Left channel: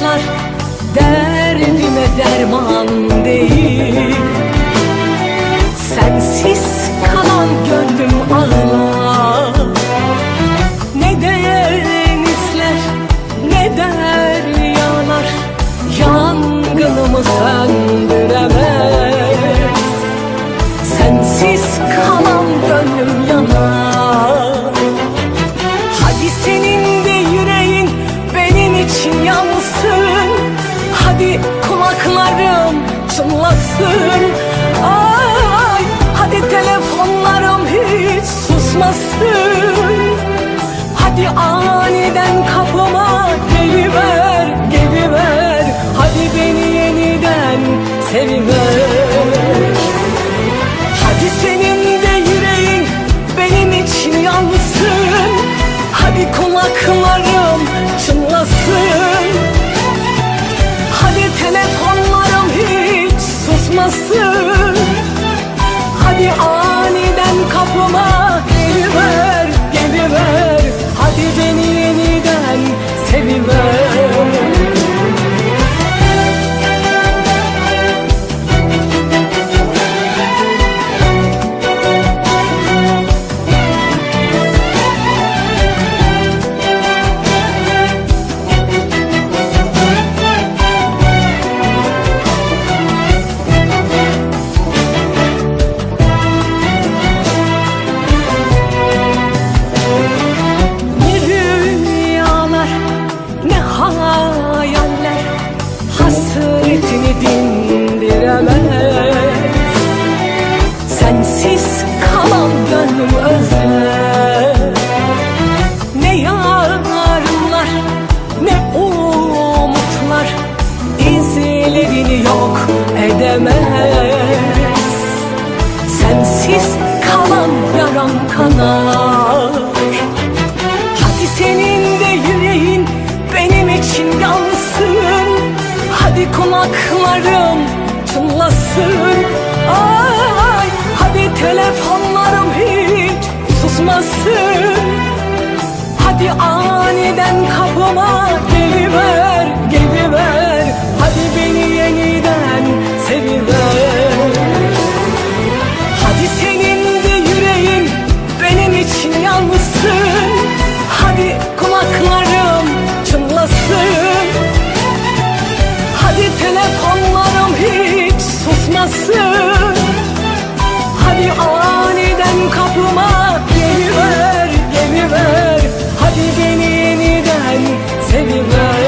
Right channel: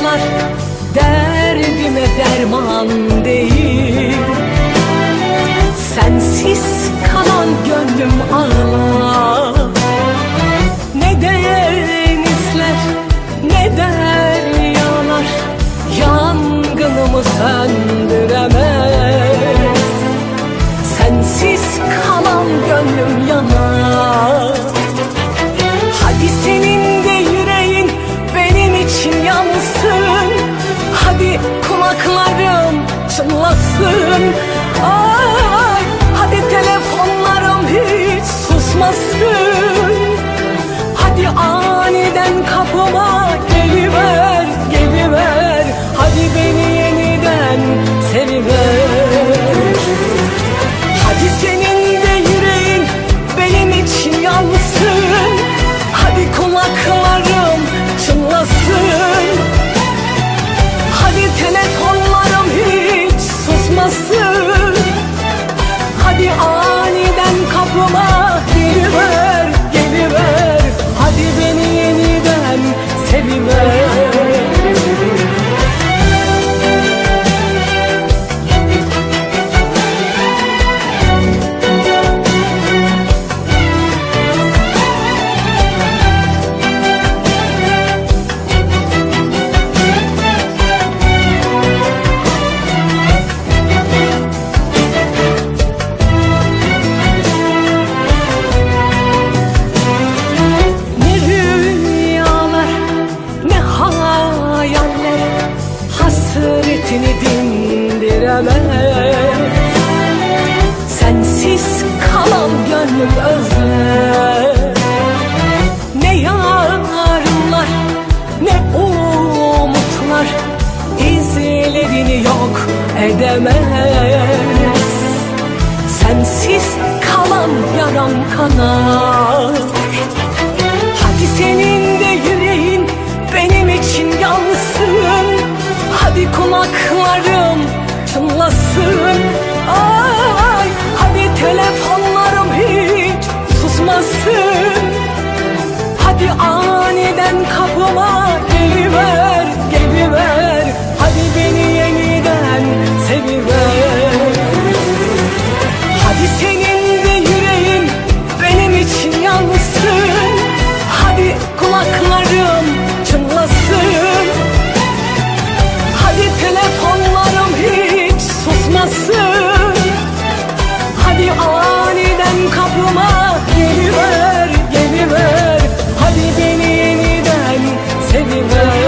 bakışlar derdime derman değil. Sensiz kalan gönlüm ağlar Ne denizler ne deryalar Yangınımı söndüremez. Sensiz kalan gönlüm için yansın. Hadi kulaklarım çınlasın. Ay hadi telefonlarım hiç susmasın. Hadi aniden kapıma geliver, susmasın Hadi aniden kapıma geliver, geliver Hadi beni Hasretini dindiremez. Sensiz kalan gönlüm özler. Ne yarınlar ne umutlar izlerini yok edemez. Sensiz kalan yaram kanar. Hadi senin de yüreğin benim için yansın Hadi kulaklarım çınlasın. Ay, hadi telefonlarım hiç susmasın. Hadi aniden kapıma geliver, geliver. Hadi beni yeniden seviver. Hadi senin de yüreğin benim için yansın. Hadi kulaklarım çınlasın telefonlarım hiç susmasın. Hadi aniden kapıma geliver, geliver. Hadi beni yeniden seviver